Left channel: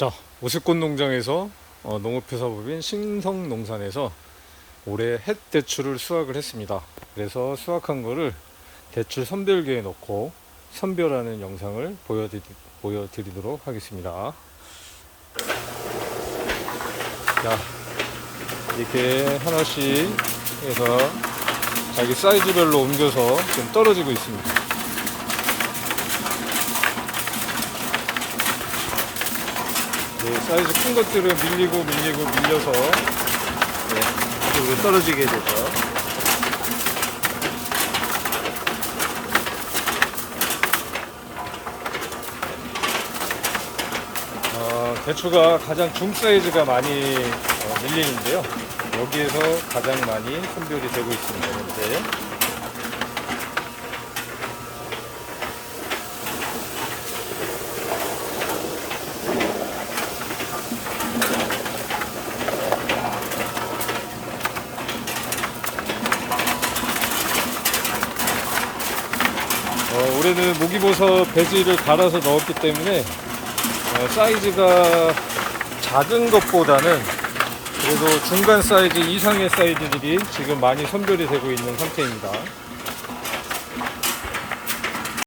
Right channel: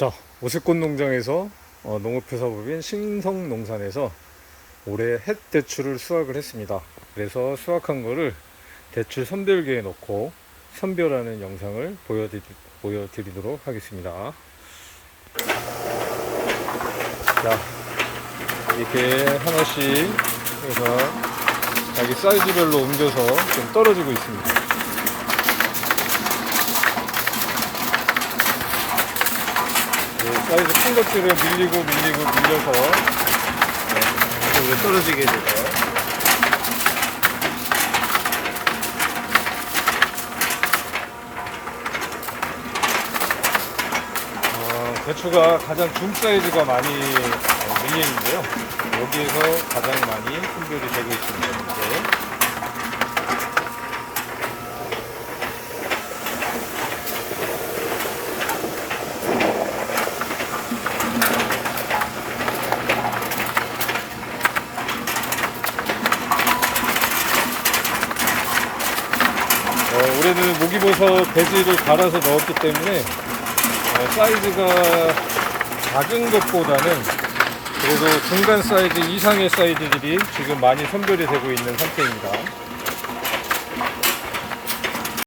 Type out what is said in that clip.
자, 오색꽃 농장에서 어, 농업회사법인 신성농산에서 올해 햇 대추를 수확을 했습니다. 그래서 수확한 거를 대추 선별기에 넣고 선별하는 영상을 보여드리, 보여드리도록 하겠습니다. 자, 이렇게 하나씩 해서 자기 사이즈별로 옮겨서 좀 떨어지고 있습니다. 네, 사이즈 큰 것들은 밀리고 밀리고 밀려서 네, 이쪽으로 떨어지게 되죠. 어, 대추가 가장 중 사이즈가 많이 어, 밀리는데요. 여기에서 가장 많이 선별이 되고 있습니다. 현재. 어, 올해는 목이버섯 배지를 갈아서 넣었기 때문에 어, 사이즈가 작은 것보다는 그래도 중간 사이즈 이상의 사이즈들이 지금 많이 선별이 되고 있는 상태입니다.